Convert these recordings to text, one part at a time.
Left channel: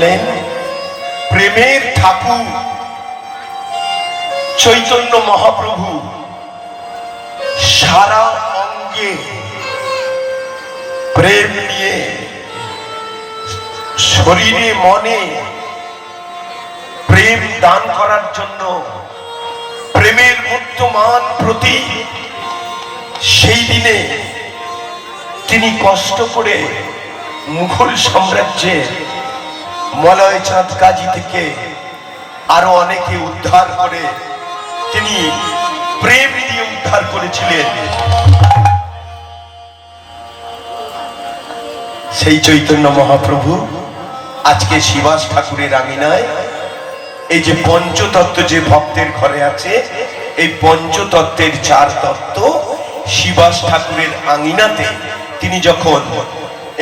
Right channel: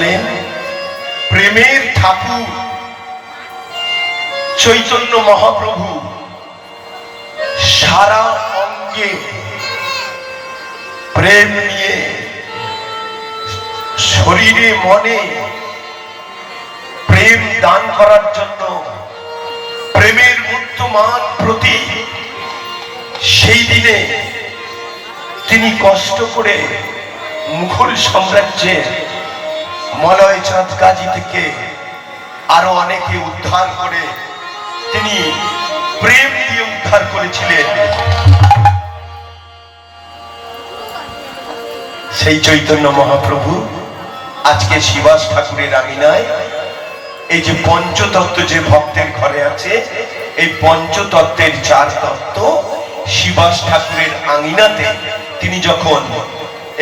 জানলেন প্রেমের ঠাকুর চৈতন্য মহাপ্রভু সারা অঙ্গে প্রেম নিয়ে শরীরে মনে প্রেম দান করার জন্য প্রেমের মূর্তমান প্রতি সেই দিনে তিনি কষ্ট করে মুঘল সাম্রাজ্যের মলয় চাঁদ কাজী থেকে আরো অনেকে উদ্ধার করে তিনি প্রেম দিয়ে উদ্ধার করেছিলেন। সেই চৈতন্য মহাপ্রভু আজকে শিবাস ঠাকুরের আঙিনায় এই যে পঞ্চতত্ত্ব যে ভক্তের ঘরে আছে, এই পঞ্চতত্ত্বের চার তত্ত্ব শিবাস ঠাকুরের আঙিনাতে তিনি যখন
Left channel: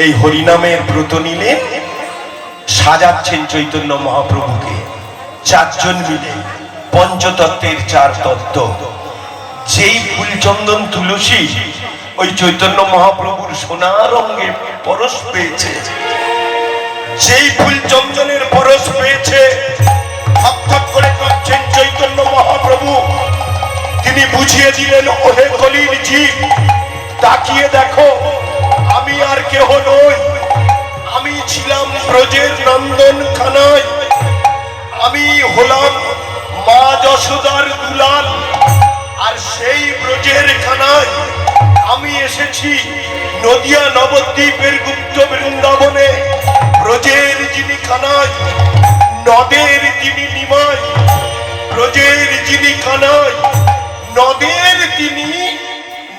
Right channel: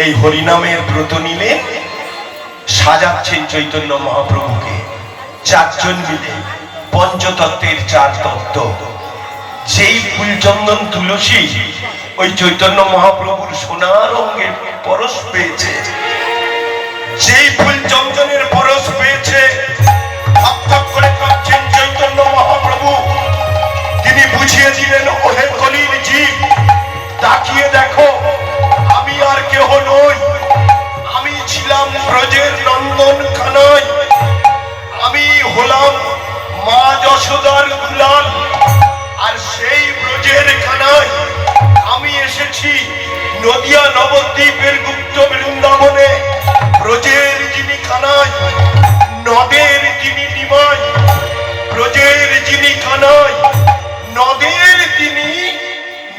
এই হরিনামের ব্রত নিলেন, সাজাচ্ছেন চৈতন্য মহাপ্রভুকে। চারজন মিলে পঞ্চতত্ত্বের চার তত্ত্ব, যেই ফুলচন্দন তুলসী ওই চৈতন্য মহাপ্রভুর সোনার অঙ্গে পরশ পেয়েছে, যেই ফুলচন্দনের পরশ পেয়েছে, থপথপ করে কাঁপছেন চৈতন্য মহাপ্রভু। তিনি বুঝিয়ে দিলেন, ওহে কলির জীব, তাকিয়ে দেখো, আমি আর কেহ নই, আমি ছিলাম ব্রজের নন্দন কানাই, আমি হলাম মা যশোদার দুলাল। আর সেই ব্রজের কানাই আমি এসেছি নদিয়া নবদ্বীপের গুপ্ত বৃন্দাবনে। ব্রজের যিনি কানাই, নদের যিনি নিমাই, ব্রজের যিনি কানাই, নদের তিনি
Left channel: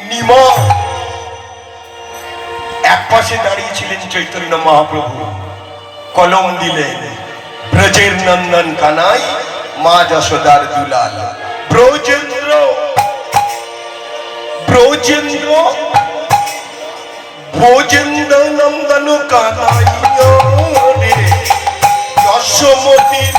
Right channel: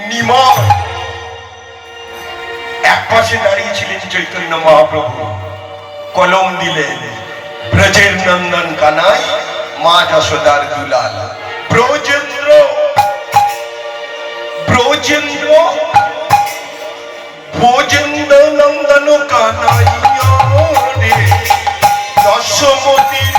নিমাই। এক পাশে দাঁড়িয়েছিলেন চৈতন্য মহাপ্রভু, কলম দিলেন, ব্রজের নন্দন কানাই, মা যশোদার দুলাল। ব্রজেন্দ্র ব্রজেন্দ্র ভোজেন্দ্র নন্দন কানাই রে, যশোমতির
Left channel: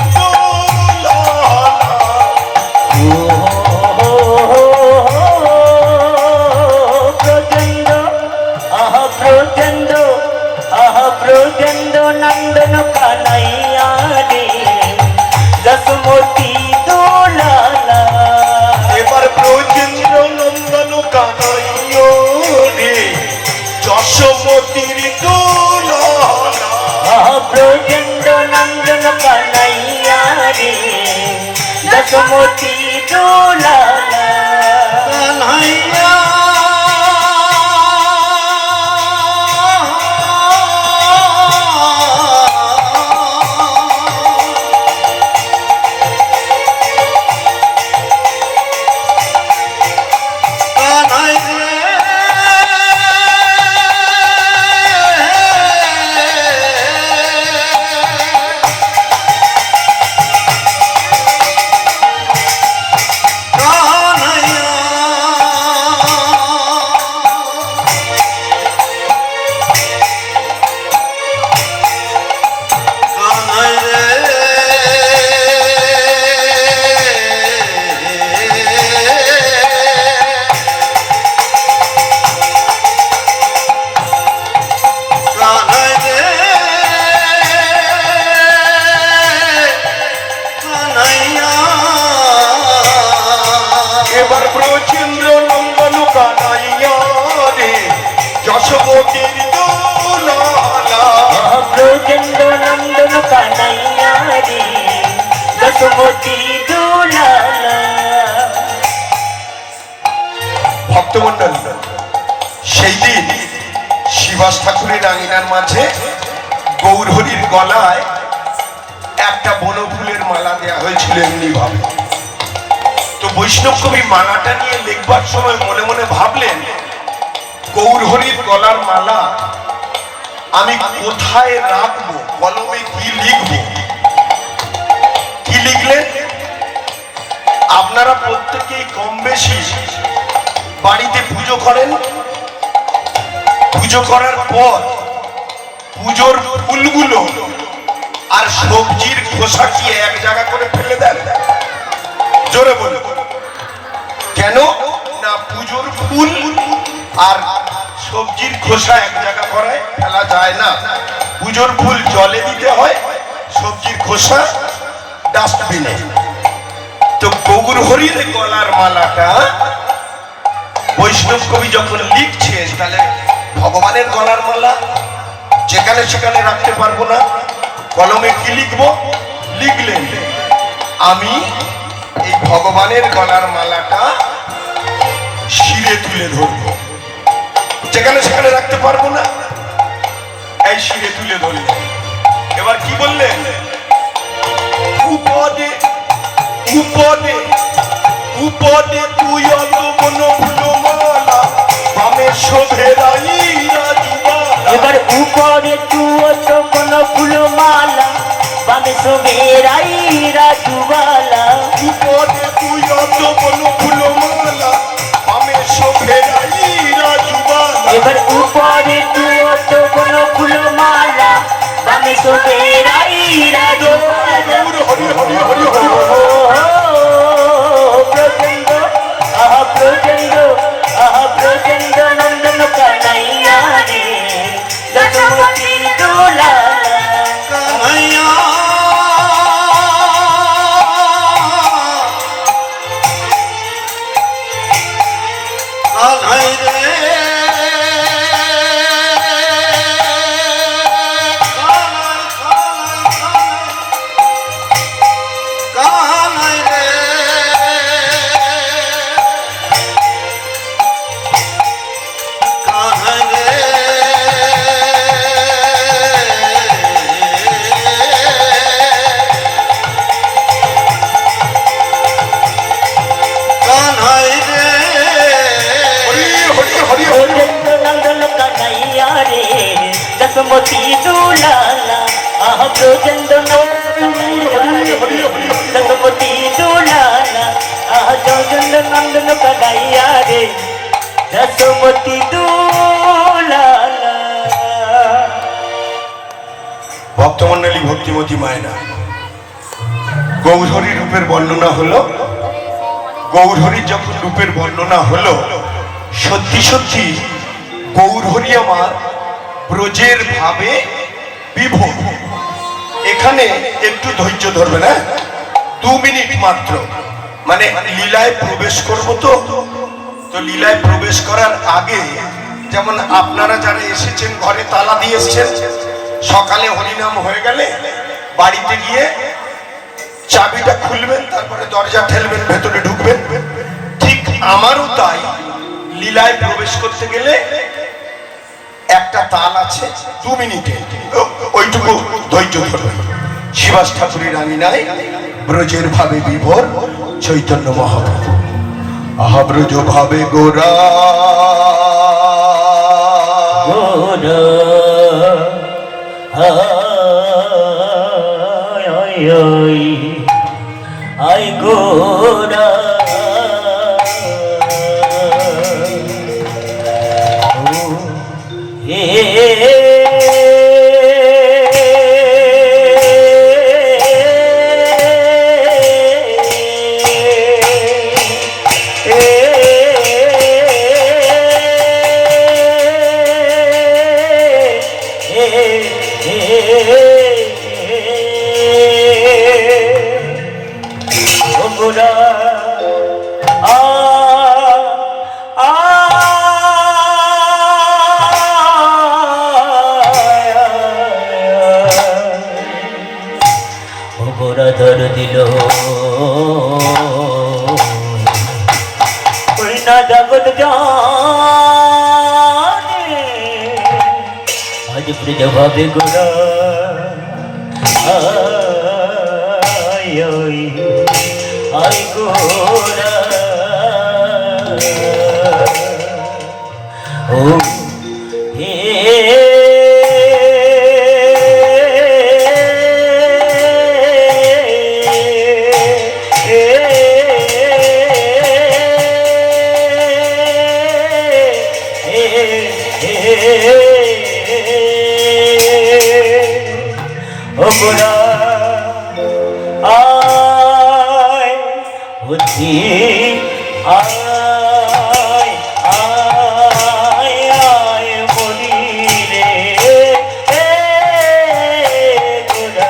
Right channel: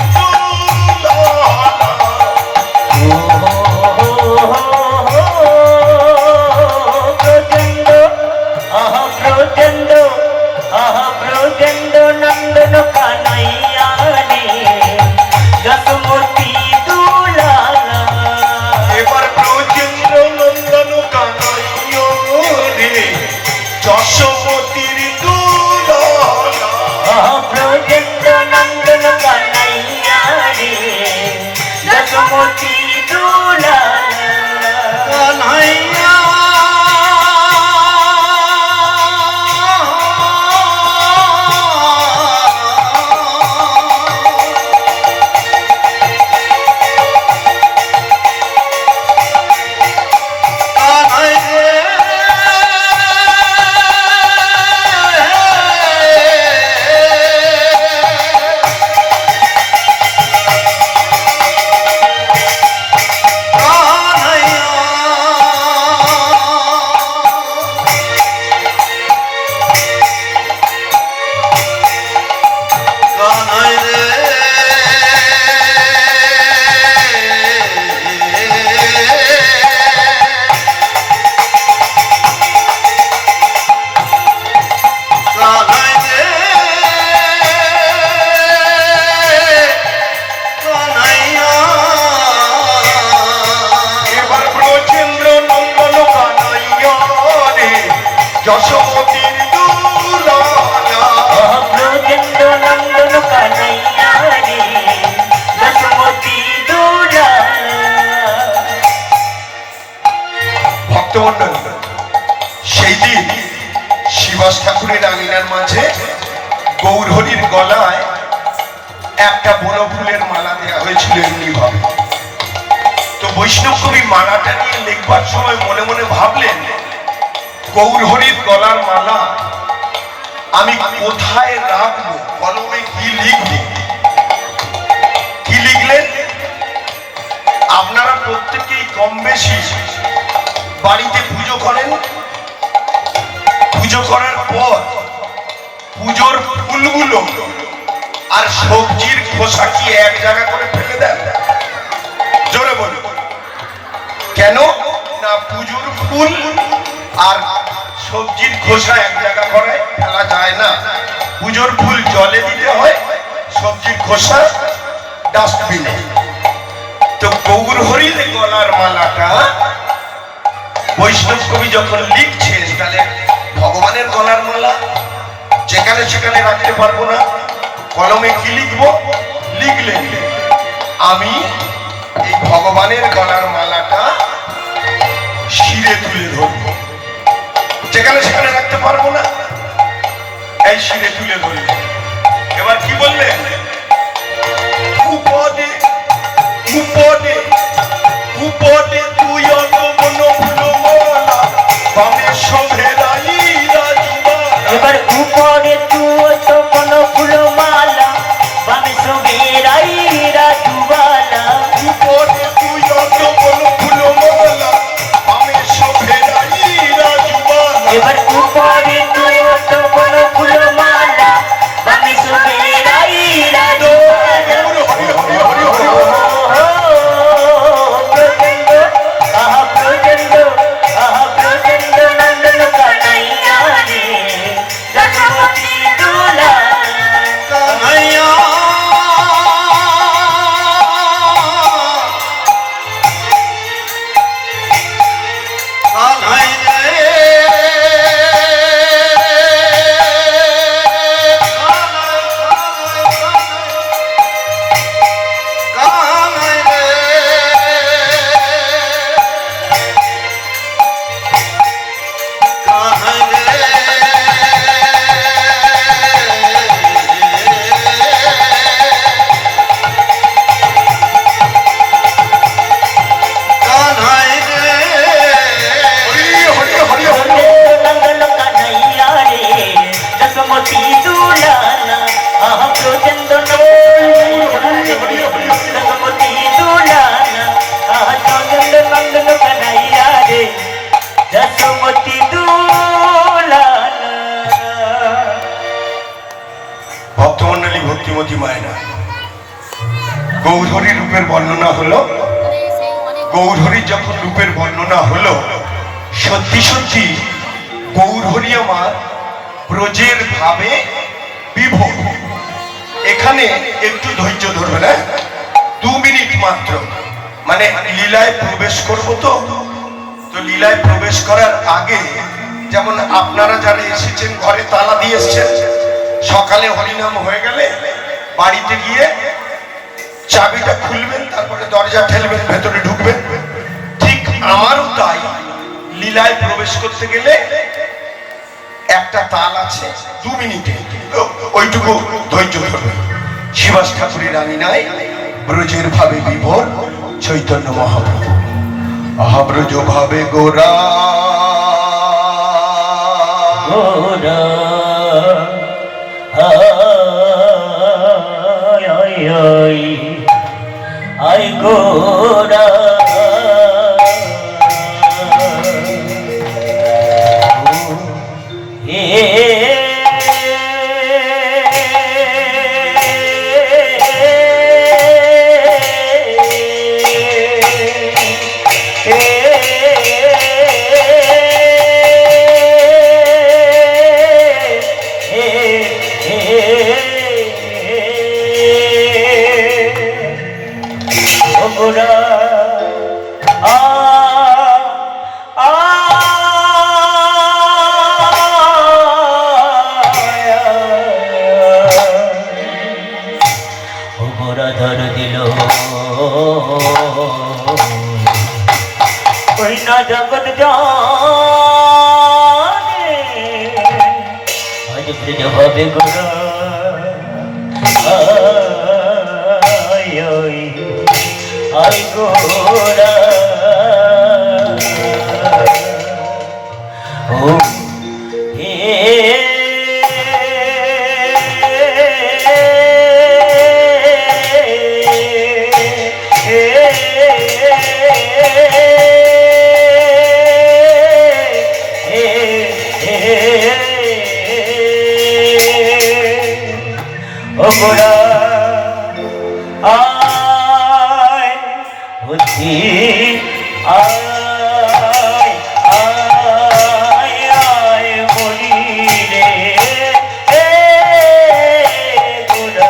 এবার ব্রজেন্দ্র নন্দন কানাই রে, যশোমতির দুলালা। ব্রজেন্দ্র নন্দন কানাইয়া রে, যশোমতি দুলালা। কানাইয়া যশোমতির দুলালা। ব্রজেন্দ্র নন্দন কানাইয়া রে, যশোমতি দুলালা। ভক্তমণ্ডল, সেই দিন শিবাস ঠাকুরের আঙিনার মাঝে গৌরহরির গলায় একটা বনফুলের মালা দেওয়া হয়েছিল এমনি ভাবে। তো বৈষ্ণব কবি মালাটা নিয়ে লিখবার সময় মনে মনে ভাবলেন, গৌরহরির গলার মালা আমি কোথায় রাখবো, কলমে কি লিখবো। কি লিখলেন? আপনারা প্রত্যেকেই কম বেশি বাড়িতে পুজো করেন, পুজো করার পর পুজোর ফুলগুলো আর সবজির খোসা কি এক জায়গা করে ফেলে দেন? জোরে বলো। কেন না পুজোর ফুল আর সবজির খোসা এক জায়গা করে ফেলা যায় না। পুজোর ফুল জলে দিতে হয়, সবজির খোসা ডাস্টবিনে। তো গৌর হরির গলার মালাটা বৈষ্ণব কবি যখন লিখছেন, তাহলে ভগবানের গলার মালা যেখানে সেখানে রাখতে পারবো না। কলমে কি লিখবো? লিখলেন আমি এই ভগবানের গলার মালাটা শিরে তুলে ধরবো, যেখানে সেখানে রাখতে পারবো না, এই শিরে তুলে ধরবো। এবার কি বললেন? উপদে উপদে উপদে তুই অত মনো ফুলমালা বামে শোভে রাই রাজমালা। এবার উপরে তুয়ত কোন ফুলমালা বামে শোভে রাই রাজমালা। উপদে তুই অত মনো ফুলমালা বামে শোভে রাই রাজমালা। এবার উপরে তুয়ত কোন ফুলমালা বামে শোভে রাই রাজমালা। হরি হরি হরি হরি। ভক্তমন্ডলী, ভক্তিমতী মায়েরা, গৌরহরি রূপের বর্ণনা হলো। গৌরহরি যখন রূপের বর্ণনা হলো, সত্যি সত্যি গৌরহরি আমার ব্রজের ভাবে বিভোর। এখানে একটু ধৈর্য ধরবে না, 2 মিনিট মাত্র। মানে লীলায় প্রবেশ করবো। তো লীলায় প্রবেশ করার আগে যেমন আপনারা যারা এসেছেন ঘরে তালা দিয়ে এসছেন, সকালে হরিনাম হয়ে গেলে বাড়িতে গিয়ে চাবিটা খুলবেন, তারপরে দরজা ঠেলবেন, ভেতরে ঢুকবেন। ঠিক আমারও তাই, লীলায় প্রবেশ করতে গেলে একটা তাল আছে, 2 মিনিটে, ওইটুকু ধৈর্য ধরবেন। শিবাস ঠাকুরের আমি নাই ব্রজের ভাবে বিভোর চৈতন্য মহাপ্রভু। আহা ব্রজ ভাবে গোরা গোরা আই গোরা ধর দিল ওই না জগৎ জানে আজ ব্রজ ভাবে গোরা আই গোরা ও গোরা আয় বুদ্ধি আয় আয় আয় মরি রে গোরা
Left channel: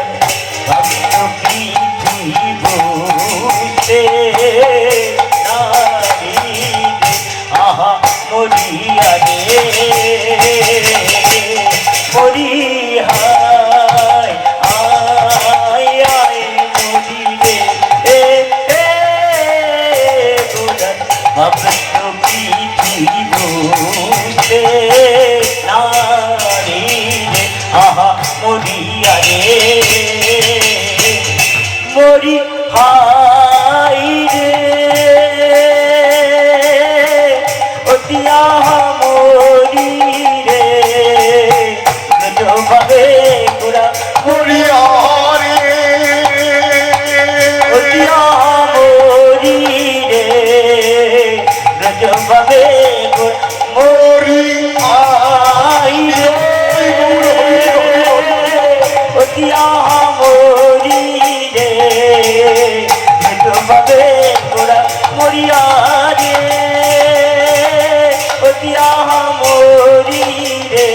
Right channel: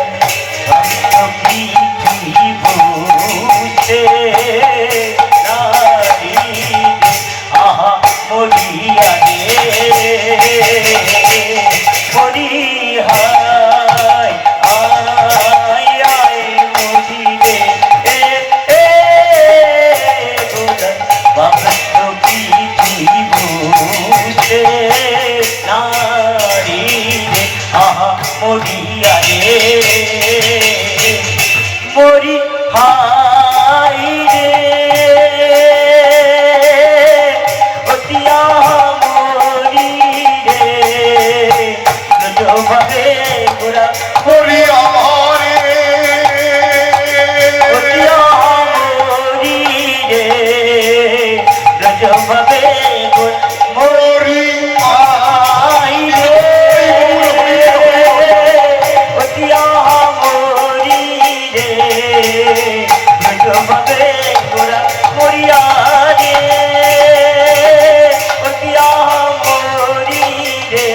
রে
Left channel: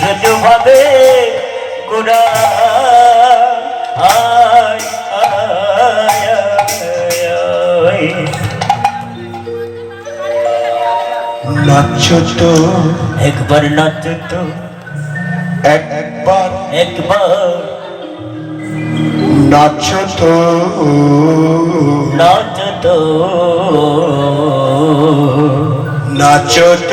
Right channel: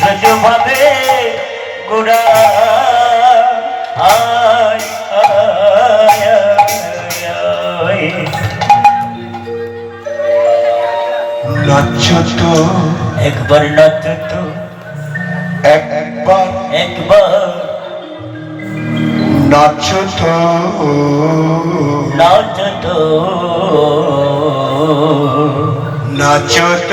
রজু ভাবে গোরা আয় আয় আয় নাচ তো একবার নাচ তো একবার একবার নাচ তো নাচ তো নাচ তো